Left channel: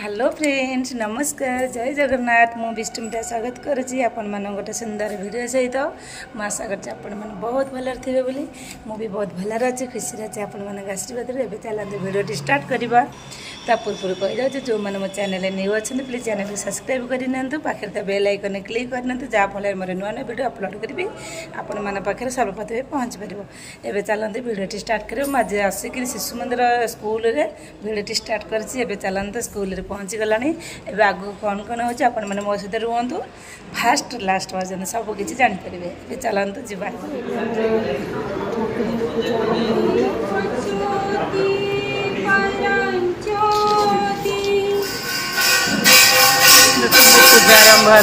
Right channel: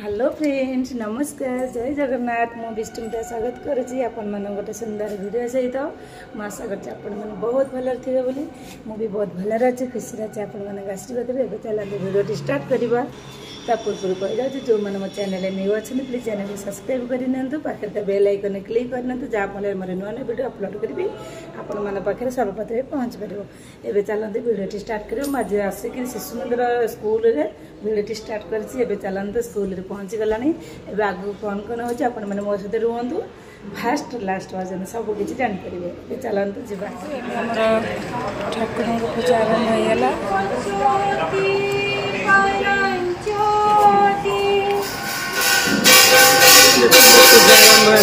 Hello friends नमस्कार जय जगन्नाथ मु विष्णुमिता स्वागत करुँची आपण मान गोटे सुंदर वीडियो सहित मु आशा करछि आपण मन बहुत भल थे बोली मु भी बहुत भल अच्छे खुशी अच्छे आपण मान आशीर्वाद रे चलते वीडियो स्टार्ट करवा ता पूर्व कही जाऊँ जो मैंने मो चैनल न्यू अच्छे प्लीज चैनल को सब्सक्राइब करनी पाखे तो बेल आइकन क्लिक करना जहाँफल मोर नुआ नुआ वीडियो अपलोड करी आपण मान पाखे सर्वप्रथम पहुँच पार एवं चलते वीडियो स्टार्ट कर आज आसिक शिशु मंदिर स्कूल रे वीडियो स्टार्ट कर चलते स्कूल रे पहुँची गलानी एवं आगू कौन कौन हो आपण मैंने मो सहित रुहतु फास्ट लास्ट पर्यटन सबकि जानीपर चलते जावा ठाकुर पूजा आरंभ होगा पूजा आरंभ है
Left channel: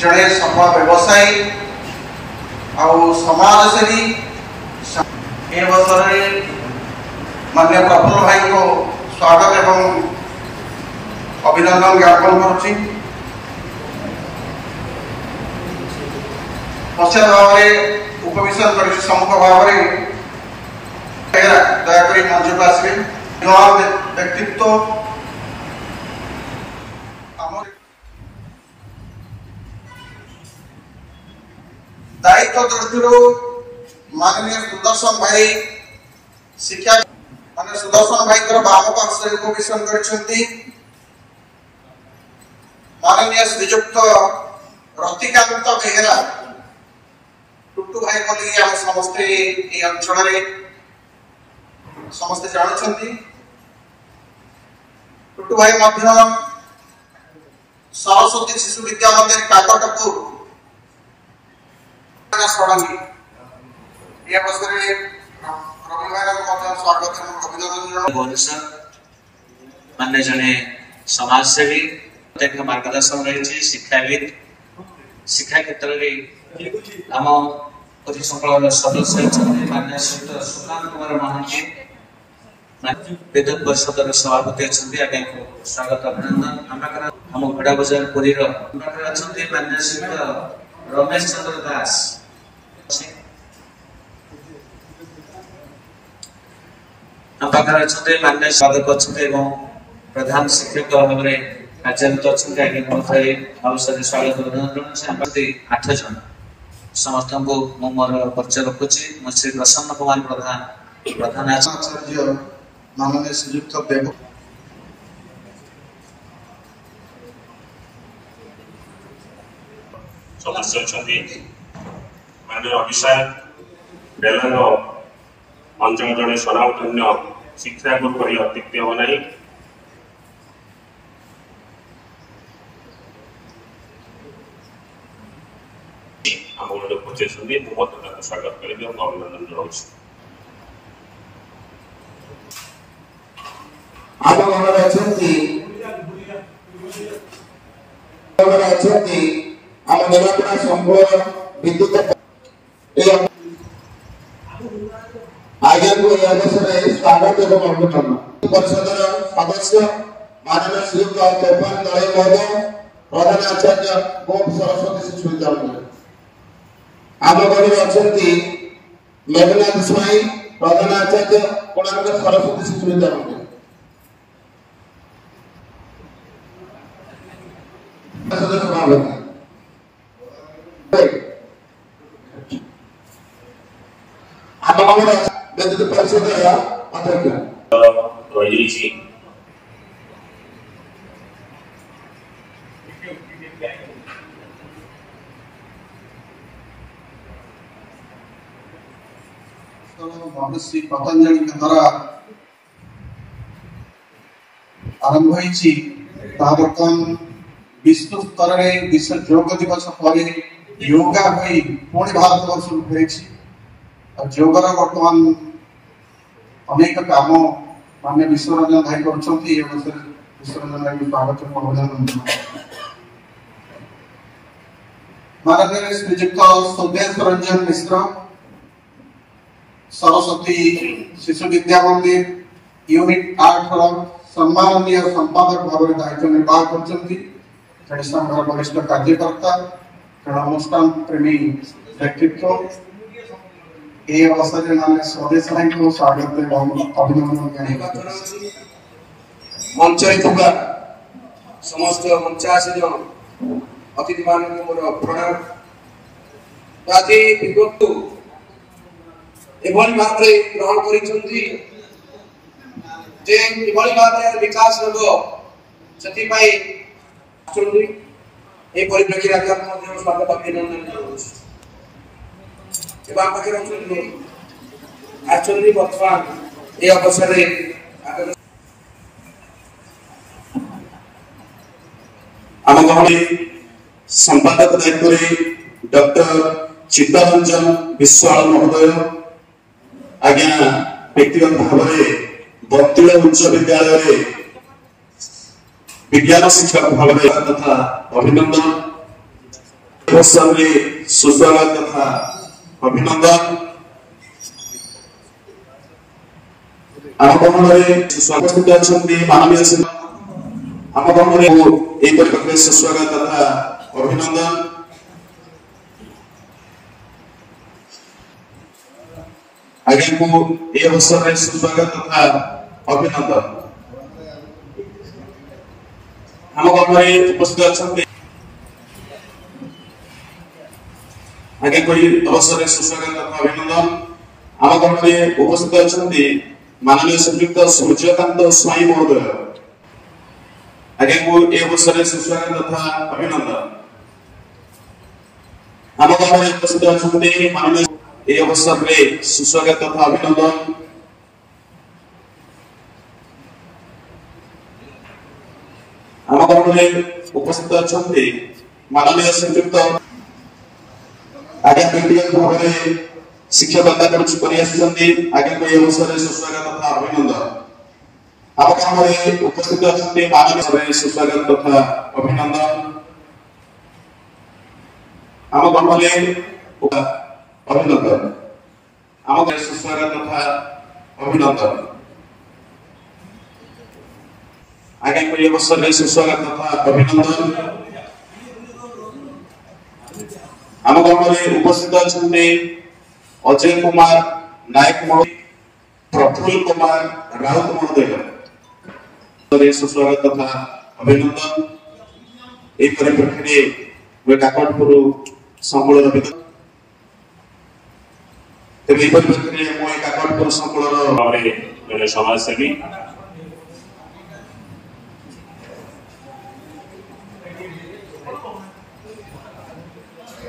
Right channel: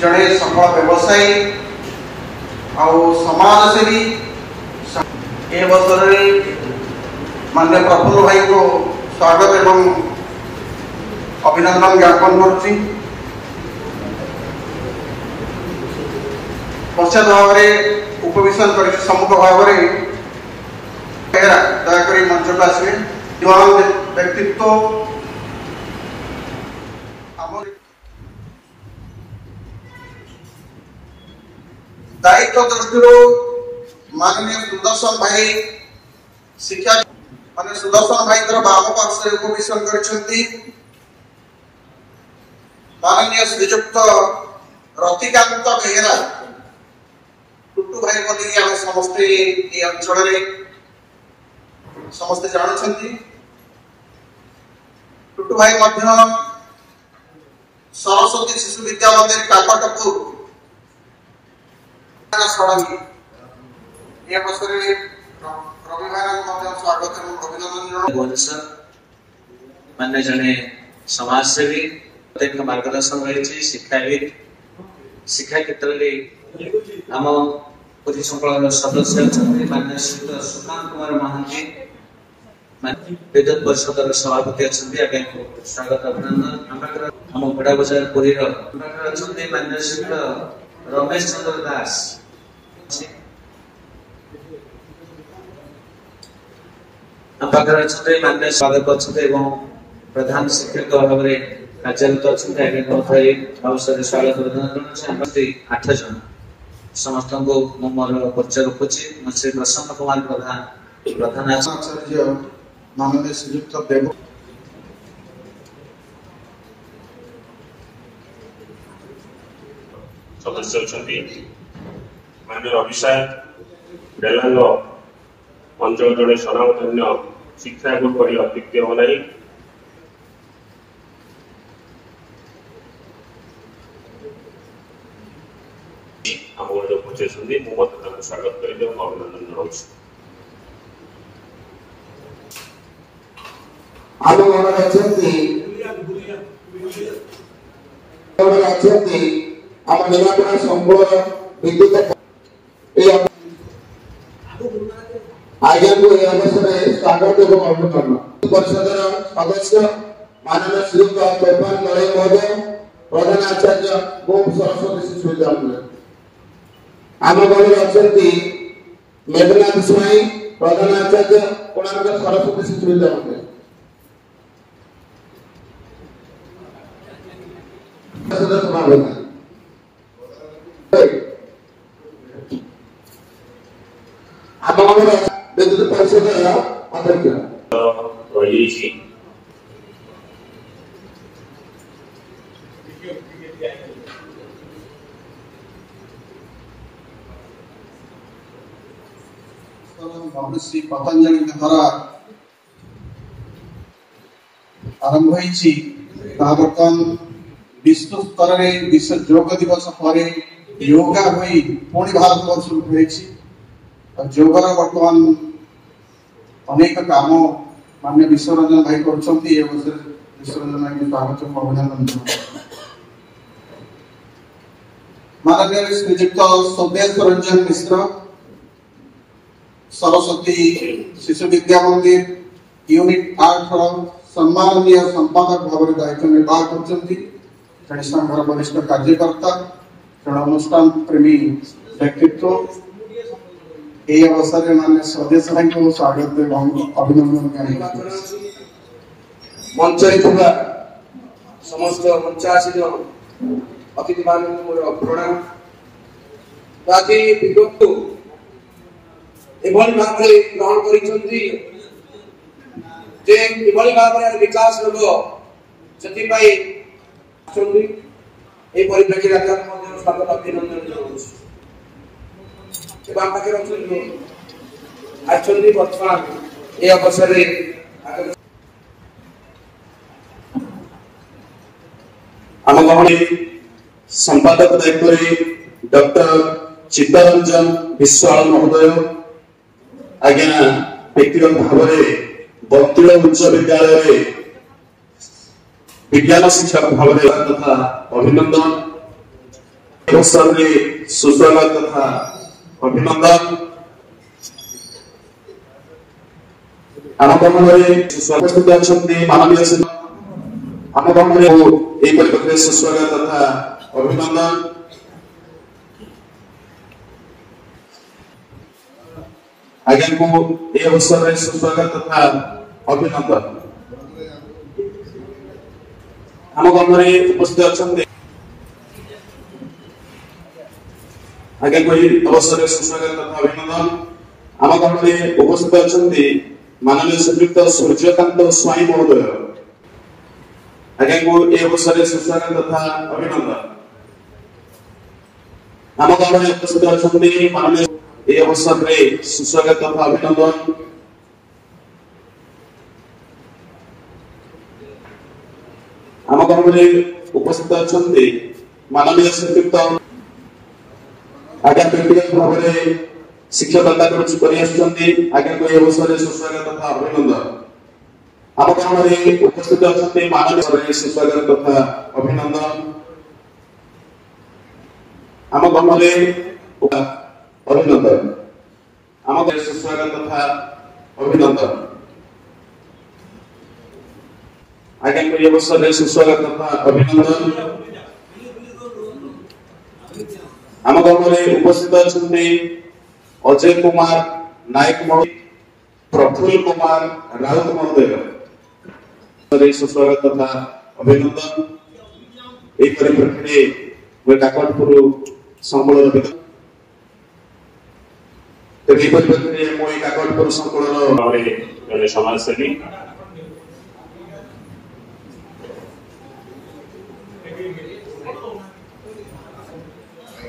जड़े सफल व्यवसायी समाजसेवी अवसर माननीय प्रफुल्ल भाई को स्वागत एवं अभिनंदन ज्ञापन करुच्ची पश्चात भाव में उपवेशन कर सम्मुख भाव दयाकोरी मंच को आसवे व्यक्तित्व दायित्व दृष्टि माननीय सुदर्शन भाई शिक्षा माननीय सुदर्शन भाई बाम पार्श्व उपवेशन कर माननीय श्रीजुक्त रतिकांत बेहेरा टुटू भाई बोली आम समस्ते ये अंचल समस्ते जानते टुटू भाई सरस्वती शिशु विद्या मंदिर काकटपुर मान्य जने समाजसेवी मार्गदर्शन रही शिक्षाविद शिक्षा क्षेत्र में आम पुरी संकल सदस्य मान्य सुशांत कुमार महांती विद्युत परिषद सभापति अच्छा स्वागत अभिनंदन आम भेड़ा बजार पुरी मान्य श्रीयुक्त रमेश चंद्र दास मान्य स्वागत अच्छे प्रधान शिक्षक भाव में कार्यरत अच्छा स्वागत अभिनंदन 8 जन समस्त को मोर परिचय रखुची श्री प्रसन्न कुमार प्रधान प्रधान आचार्य माननीय श्रीयुक्त देव सदस्य अच्छा माननीय अभिषेक बेलांग अंचल जड़े सनातन्य शिक्षा गुरु अत्युक्ति हम ना ଆମ ଗୋଟେ ପଚାରିଛନ୍ତି ମୁଁ ମଧ୍ୟ ତାଙ୍କୁ ସ୍ୱାଗତ କରିବି ଏବଂ ଅଭିନନ୍ଦନ ଜଣାଉଛି। ଆମ ଘରରେ ଅଛନ୍ତି ଆମ ନିରାପଡ଼ା ସମ୍ବଳ ବିଦ୍ୟୁତ ଆଜ୍ଞାକୁ ଏହି ଅବସରରେ ସ୍ୱାଗତ ଏବଂ ଅଭିନନ୍ଦନ। ପରିଷଦର ସଦସ୍ୟ माननीय श्रीयुक्त तोफान लड़ाई महोदय प्रधान आचार्य गोप सरस्वती शिशु विद्यालय आम गणि अच्छा मेघनाथ स्वाई प्रधान आचार्य कोणार्क सरस्वती शिशु विद्यालय आम विद्युत परिषद अध्यक्ष महर्षि पतंजलि द्वारा आरंभ बर्तमान विश्व स्तर में विश्व योग दिवस पर योगा भाई पुणी भारत वर्ष योगर बर्तमान अनेक काम माननीय विश्वरंजन भाई कर विश्वरंजन भाई स्वागत अभिनंदन माननीय श्रीजुक्त सोमेश रंजन मिश्र सरस्वती शिशु विद्या मंदिर यूनिट 8 सम्माननीय संपादक भाव दायित्व निर्वाह कर वरिष्ठ कार्यकर्ता अनुष्ठान प्रेमी व्यक्तित्व ये अवसर में माननीय स्वदेश भाई को स्वागत एवं अभिनंदन मंचरे समस्त मंचासीन अतिथि मान प्रणाम बाकी विगत एभली भाव ग्रहण कर विकास लोग से परिप्रेक्षी स्वागत अभिनंदन बर्तमान ये अवसर आम संपादक दायित्व डॉक्टर चित्तरंजन विश्वाल महोदय आज्ञा व्यक्तिगत भाव में बत्तिल उच्च विद्यालय विज्ञान शिक्षक भाव तथा अभिनंदन सुस्वागत तथा अभिनंदन आम उपस्थित अच्छा माननीय आम सुस्वागत तथा अभिनंदन आज्ञा को ये अवसर में सुस्वागत तथा अभिनंदन आम उपस्थित अच्छा आज्ञा को ये अवसर में सुस्वागत तथा अभिनंदन आम उपस्थित अच्छा माननीय श्रीयुक्त सूर्यकांत स्वाई महोदय आज्ञा को ये अवसर में सुस्वागत तथा अभिनंदन आम उपस्थित अच्छा माननीय ये अवसर में सुस्वागत तथा अभिनंदन आम उपस्थित अच्छा माननीय श्रीयुक्त आज्ञा व्यक्तिगत भाव में शिक्षकता आज्ञा को ये अवसर में सुस्वागत तथा अभिनंदन आम उपस्थित अच्छा माननीय सुस्वागत तथा अभिनंदन आम अभिनंदन आम सुस्वागत तथा अभिनंदन आज्ञा को ये अवसर में सुस्वागत तथा अभिनंदन आम उपस्थित अच्छा अजय कुमार नायक महोदय प्रफुल्ल कुमार राउत महोदय सुस्वागत तथा अभिनंदन एक परिप्रेक्षी में काकटपुर संबल काकटपुर संकुल समाजसेवी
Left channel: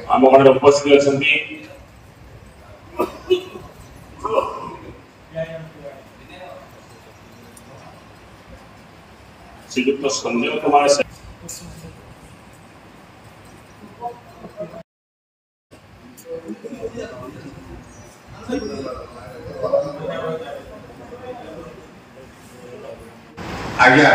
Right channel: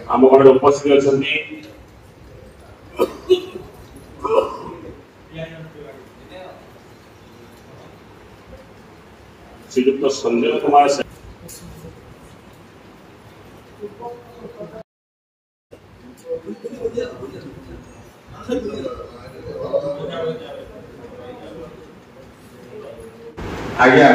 आम उपस्थित अच्छा श्रीयुक्त संजय कुमार आज्ञा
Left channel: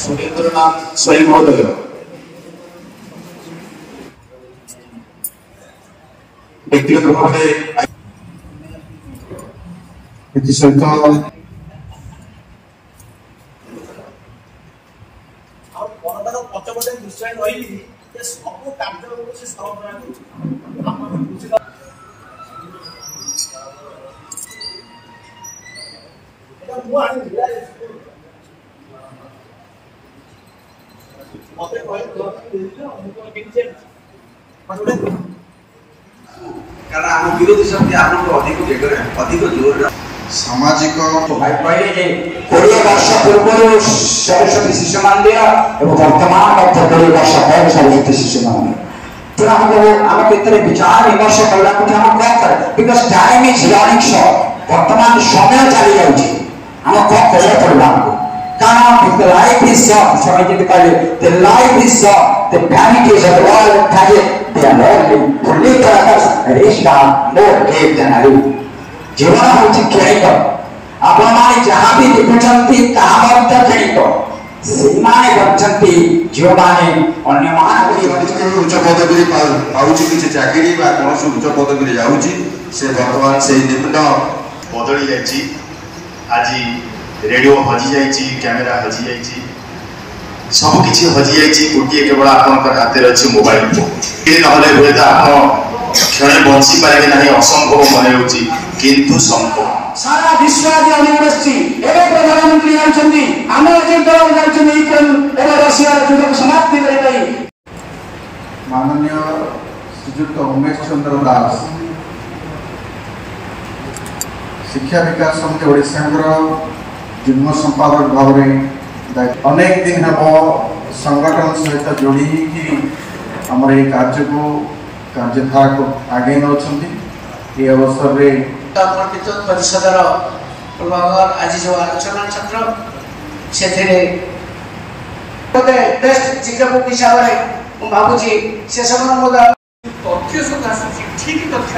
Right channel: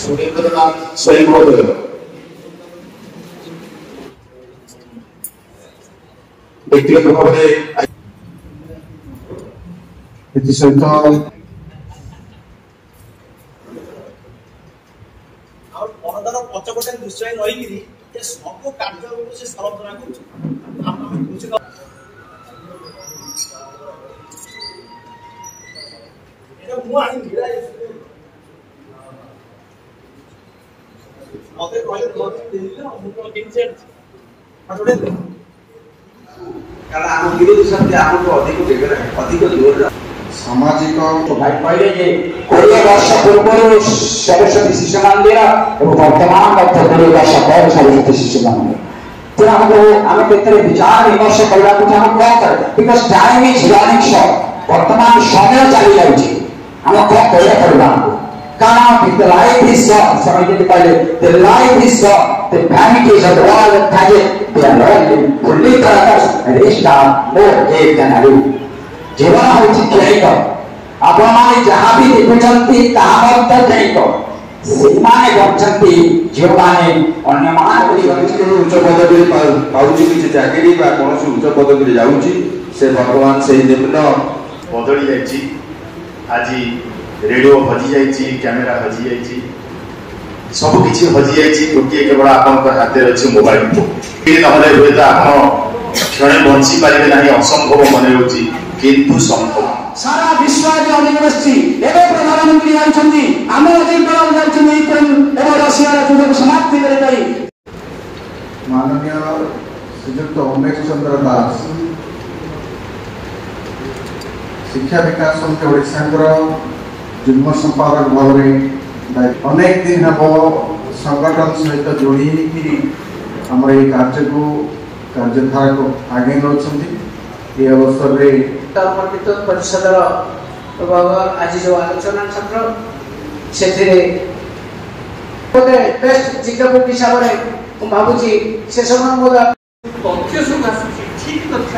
सुरेंद्रनाथ स्वयं महोदय व्यक्तिगत भाव में सहित पचपटे निश्चय रही सब कार्य से सरबराह विरोधी शक्ति आपको अधिक जोर सामाजिक 20 वर्ष पूर्व सरस्वती शिशु मंदिर और वर्तमान 20 वर्ष पर सरस्वती शिशु मंदिर तो हमको विचार विमर्श करने because time is running short वर्तमान समय चली जाऊँगी आम कौन करा पड़ा हमको कारण the life is short the life is short the vanities of the world they are learning to live for us and is not more game than I do जीवन होची खेलिक आपण माने जहां भी देखुचंती ताहा मत खेलिक सीमाने गच्छंती जो माने अन्य मान उच्च पदवी पाउची किसी चाकरी बा कोनोसी उच्च पदवी जाउची से भगवान से निम्न बदली जाइची आजी रेडियो हजी जाइची कैमेरा हजी जाइची सब किछि हजी जाइची गोटे केवल आपन हाथ रे अछि मोबाइल फोन नहले होता आपण क्षण बंची पारे नाही असंभव मने होची किंतु संभव सारा विश्व के यूनिवर्सिटी एवं प्रधानमंत्री आछंती आमे जिंदर जाइछनी यूक्रेन और रशिया युद्ध समाप्ति करे भाई माननीय श्रीयुक्त उमेश चंद्र दास शिक्षा विकास समिति ओडिशा जुग्म संपादक भाव में अनेक दिन हम संगठन सहित जोड़ी आमर ये कार्य को कार्यधारा को आगे नौकरी ये अवसर में परिषदर प्रभाव आज जो आलोचना छात्र से बेस्ट जिज्ञापक हिसाब से भावुची से समय तथ्य सब ठीक तथ्य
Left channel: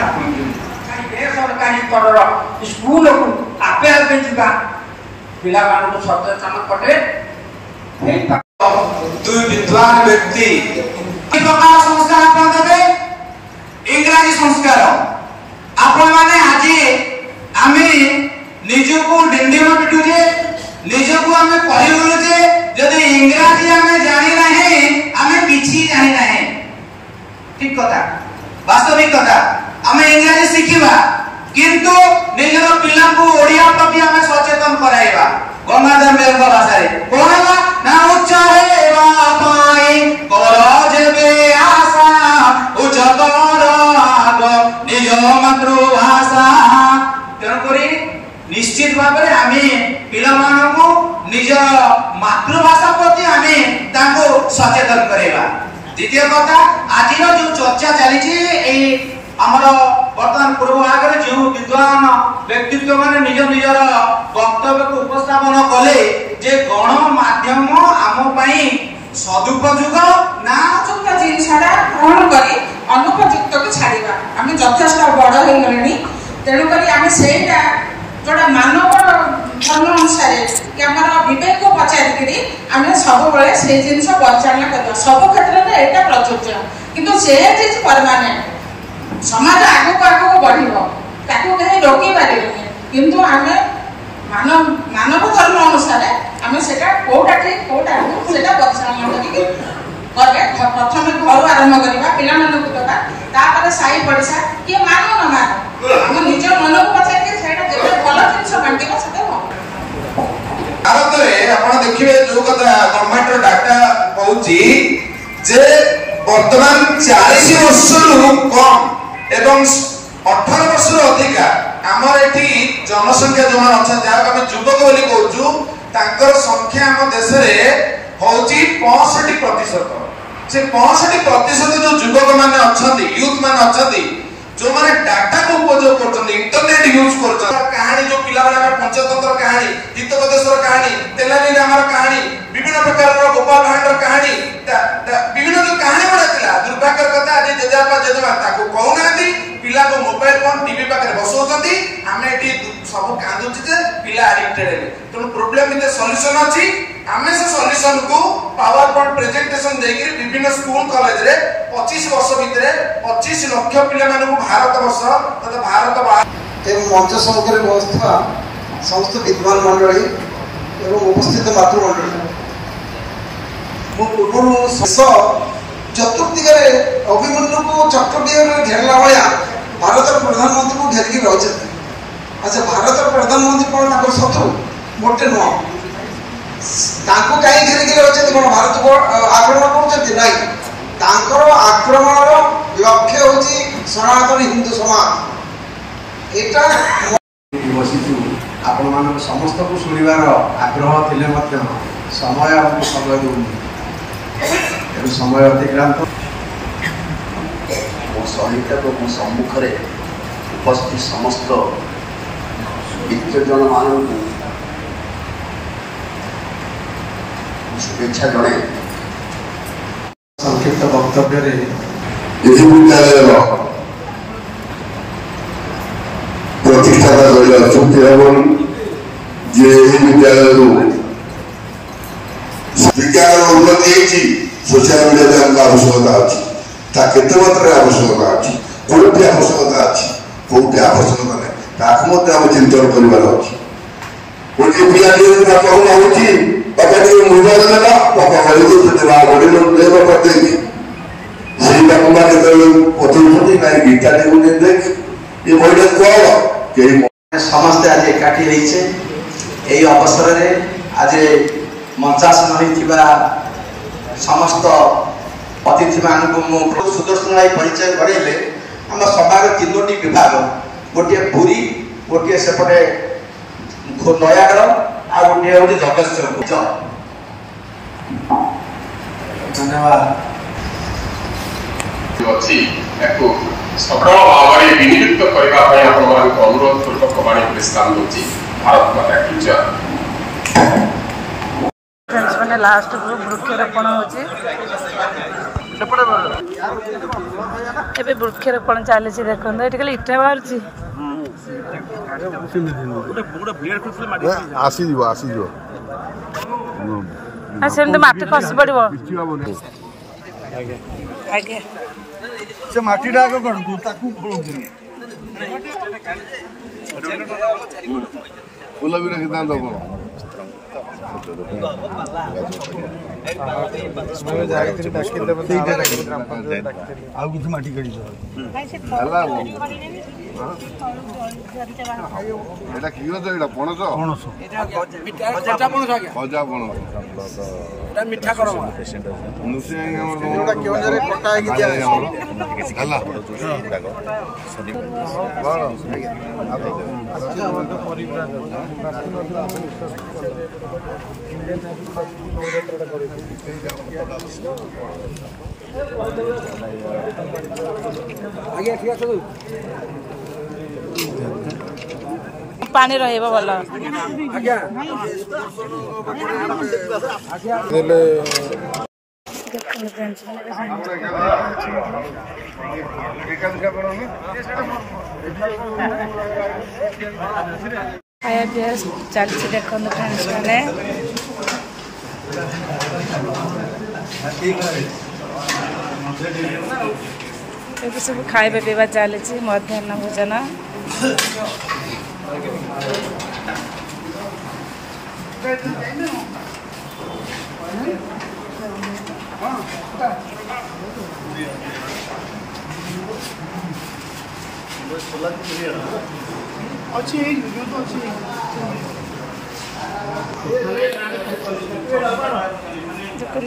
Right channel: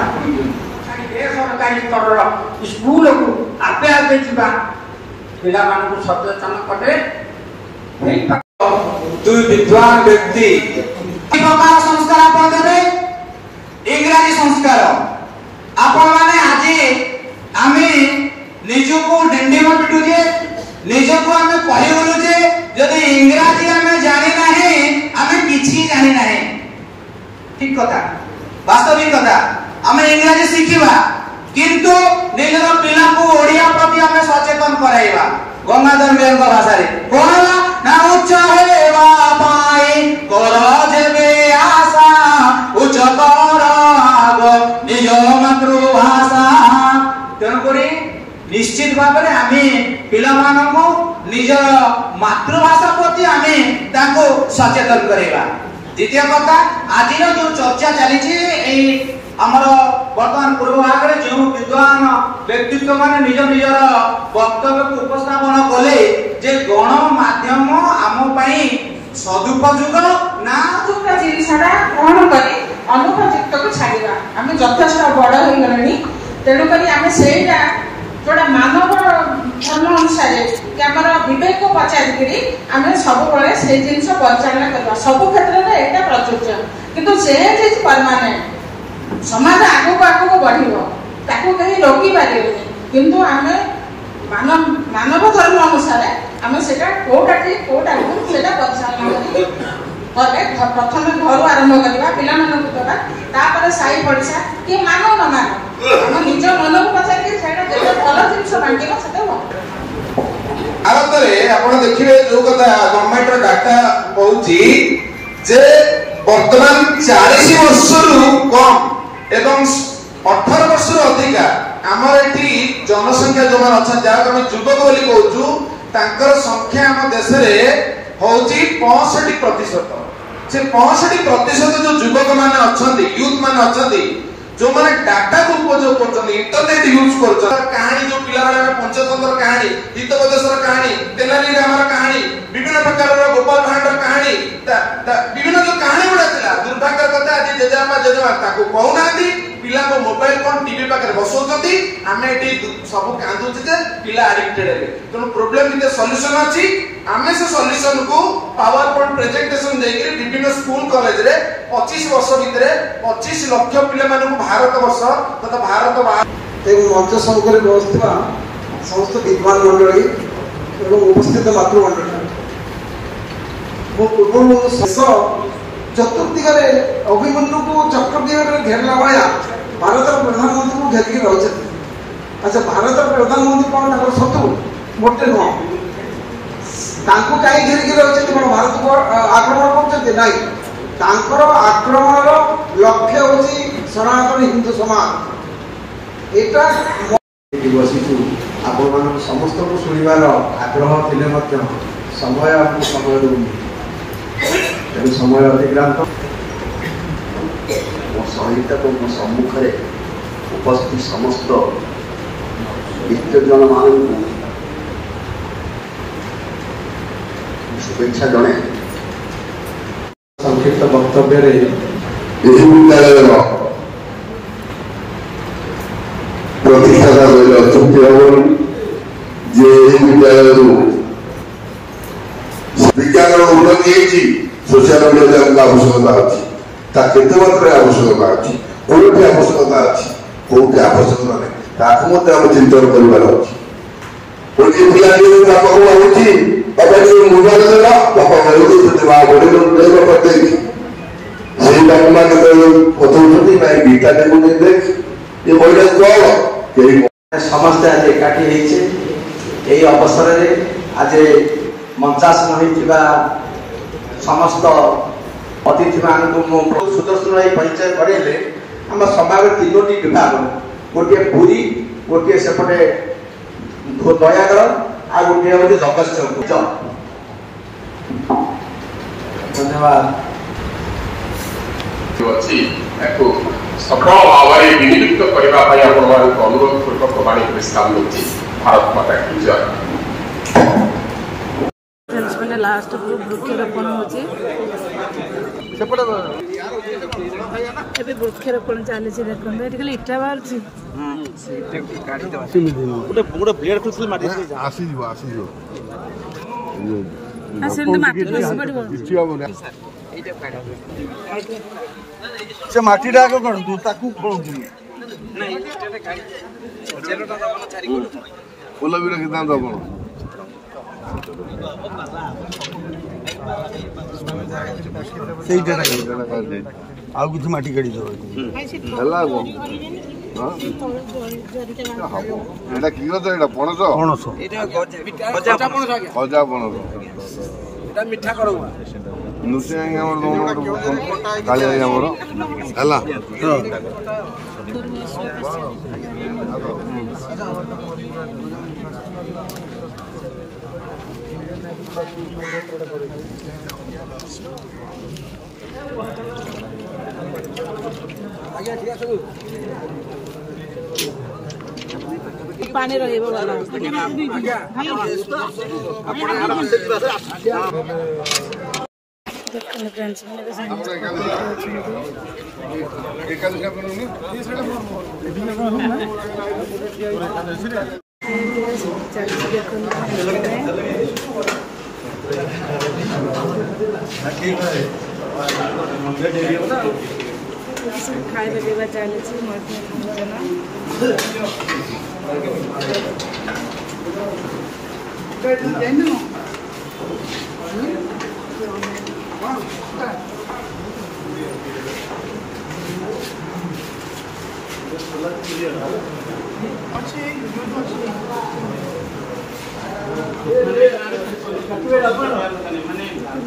सरकारी स्तर स्कूल को आपे आपे जा पिला मान सचेतन कले दुई विद्वान व्यक्ति प्रकार संस्कार आपण देबे इंग्रजी संस्कार आपण माने आज आमे निजको डिंडीमा पिटु जे निजको आमे कहि गलो जे यदि इंग्रजी आमे जानि नाही आमे किछि जानि नाही ठीक कथा वास्तविक कथा आमे इंग्रजी शिखिबा किंतु निजर पिला को ओडिया प्रति आमे सचेतन कराइबा गंगाधर मेयर भाषा रे कोनवा ना उच्च हेबा पाई कर जेबे आशा उच्च कर आग निज मातृभाषा तेन करी निश्चित भाव में आमे पिला मानको निज मातृभाषा प्रति आमे ताको सचेतन करेबा द्वितीय कथा आज जो चर्चा चली आमर वर्तमान पूर्व भाग में जो विद्वान व्यक्तित्व माने निज निजर वक्तव्य को उपस्थापन कले जे गणमाध्यम आम पई सदुपयोग ना उपयुक्त जिनसटा ग्रहण करी अनुपयुक्त को छाड़िबा आमे यथेष्ट बड़ हो गलेनी तेणु करी आमे सेटा जोड़ा मानव धर्म अनुसार कि आमर विवेक को पचारि करी आमे सब बळे से जिंस परिचालना करबा सब क्षेत्र में एटा प्रযোज्य किंतु से चीज परमानेंट समाज आगो आगो बढ़िबो ताको कहीं रोकी पारिबे किंतु आमे मानव धर्म अनुसार आमे सेटा कोटा ठीक कोटा सेटा परिचालना करी करबे प्रथम घर आरंभ करबा पिला मन को दबा तापर साई पड़िसा के मानो न मानो हम निज मन को पचार के सेटा जे भलो जिंस बांटिबा सेटा भारत रे आपण देखिबे जो कथा गवर्नमेंट डाटा कहूची जे वर्तमान 40 वर्ष कम एवं 18 वर्ष अधिका आमर एठी जनसंख्या जो अच्छा जहाँ आम युवक बोली कहूँ तांकर संख्या आम देश में होची 65% से 65% जो युवक माने अछंती यूथ माने अछंती जो माने डाटा को उपयोग करछंती इंटरनेट यूज करछंती कहानी जो पिला वाला पंचतंत्र कहानी हितोपदेशर कहानी तेलानी रामर कहानी विभिन्न प्रकार गोपाल भांडर कहानी विभिन्न जो कहानी बड़ा थिला दुर्भाग्य कथा आज जेजापा जेजमा ताको कहउनाती पिला को मोबाइल फोन टीवी पाकर बसौछंती आमे एटी सब कांदुछ जे पिला एडिक्टेड हेले तनो प्रॉब्लम इते सॉल्यूशन अछि आमे से सॉल्यूशन को पावर पॉइंट प्रेजेंटेशन देके विभिन्न स्कूल कॉलेज रे 25 वर्ष भितरे 25 लाख पिला मानन भारत वर्ष तथा भारत एवं मंच संकर व्यवस्था समस्त विद्वान मंडली एवं उपस्थित मातृमंडली पूर्व शेष चतुर्दिगरे अभिमन्यु को चक्रव्यूह घेरला भया भारत प्रधानमंत्री को घेरिकी रही। अच्छा भारत प्रधानमंत्री कौन शत्रु मोटे नुह कहीं घेरिकी रही कौन भारत को आक्रमण कर आक्रमण लक्ष्य हूँ सनातन हिंदू समाज यहाँ बसी आपण मान समस्त को शुणवार आग्रह थे समय आपको समय दूनी समय अतिक्रांत मो सहित तो मो सम्मुखें उपस्थित समस्त विद्वजन मान शुभेच्छा जणे संक्षिप्त वक्तव्य विश्वविद्यालय प्रतिष्ठाता रही अच्छा जे विद्यालय विज्ञान उन्नति सोशल मीडिया आवश्यकता अच्छी केते मात्रा आवश्यकता अच्छी कोटी आवश्यकता अच्छी कोटी आवश्यकता नहीं ताकू आम चिंतन कर गोटे पिला बापा जाऊँगी बापा मोबाइल देला बापा गोटे करदेगी से बापा मैंने पचाउंट ना गीता टे देख ये बहिटा कह समस्त आज एकाठी यही अवसर में आज मंचासन होता समस्त अतिथि मान सुदर्शन भाई परिचय करेले आम समाज तीनोटी विभाग गोटे पुरी गोटे सेपटे नयागढ़ आ गोटे हूँ जगतसिंहपुर। धन्यवाद सफल भाव में विनियुक्त करने अनुरोध पूर्वक वाणी प्रस्ताव होती भारत माता की जय। फ्रेंड्स मैंने लास्ट ग्रुप वृक्षरोपण होचे एबे वृक्षरोपण चली देखो ये खाली इटा बाहर सेमती माटी खसी पड़ो आगे से माटीटा आगे करूँ ताकू फूल भी रखी दब आउ किसी माटी काढ़ी पणस खजा पणस पानी रहिबो भला फ्रेंड्स चलती देखो फ्रेंड्स मैंने सब खाइबा पीवा चली मध्याह्न भोजन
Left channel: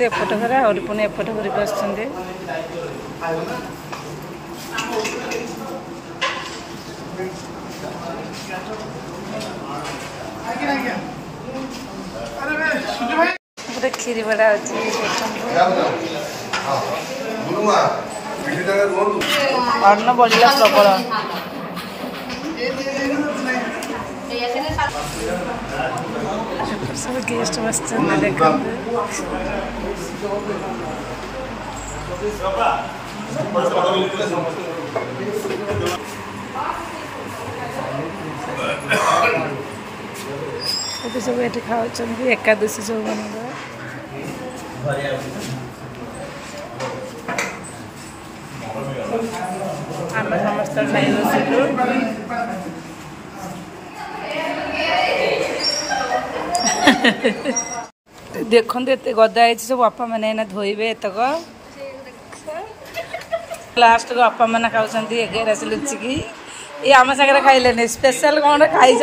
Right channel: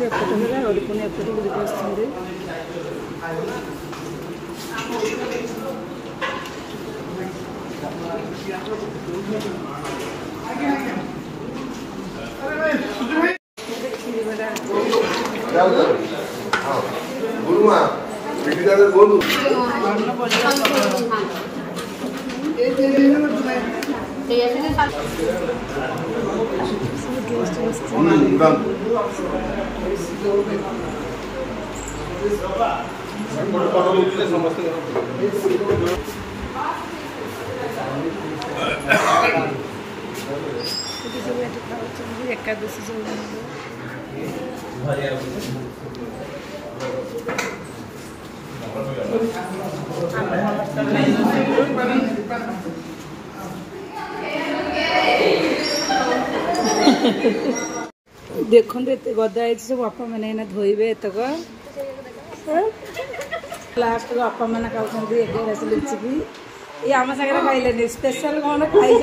एपट घर और पुणी एपट करके आसुँच खीरी बड़ा अच्छी गुरुमा मिठीदारे बोलू अन्न बढ़िया प्रबल सब गेस्ट बसते देखो ये सब ये खाओ एकादशी सब देखो एत गदा है सब बापा मैंने धोबे एतक लास्ट को बापा मैंने खाऊँ 11 लुचिकी ये आम सागर खाइले स्पेशल कौन खाई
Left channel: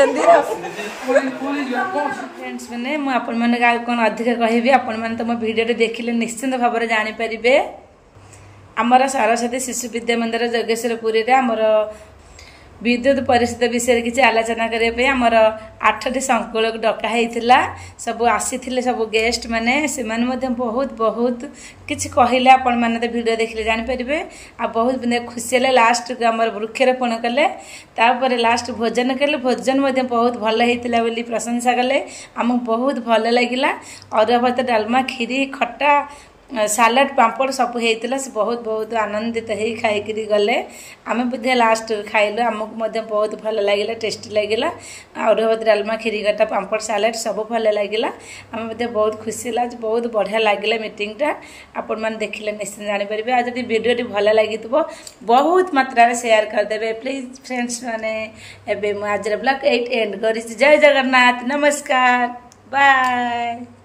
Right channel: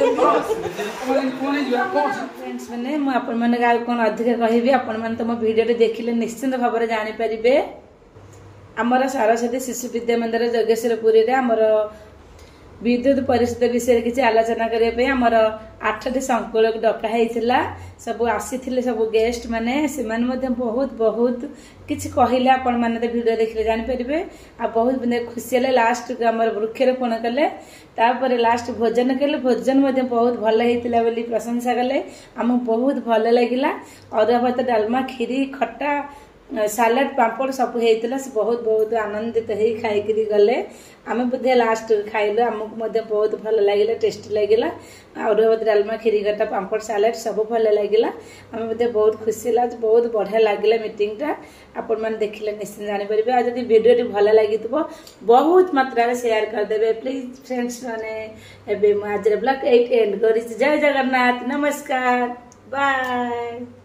फ्रेंड्स मैंने मुझे कौन अधिक कहि आपण मैंने तो मो वीडियो देखिले निश्चिंत भाव में जानीपारे आमर सरस्वती शिशु विद्या मंदिर जगेश्वरपुरी आमर विद्युत परिषद विषय किसी आलोचना करने आमर 8टी संकुल को डकाई सब आसी सब गेस्ट मैंने से बहुत बहुत किसी कहले आपण मैंने तो वीडियो देखिले जानीपारे आ बहुत खुशी है लास्ट को आम वृक्षारोपण कले तापर लास्ट भोजन कले भोजन बहुत भल होता बोली प्रशंसा कले आमको बहुत भल लगिला अरुआ भात डालमा खीरी खट्टा सालाड पापड़ सब होता से बहुत बहुत आनंदित हो खाई गले आम बुद्धे लास्ट खाइलु आमको बहुत भल लगे टेस्टी लगे अरुआ भात डालमा खीरी खट्टा पापड़ सालाड सब भल लगे आम बहुत खुशी है बहुत बढ़िया लगे मीटिंगटा आपण मैंने देखिले निश्चित जानीपारे आज वीडियो भल लगी बहुत मात्रा शेयर करदे प्लीज फ्रेंड्स मैंने आज ब्लॉग एंड कर जय जगन्नाथ नमस्कार बाय।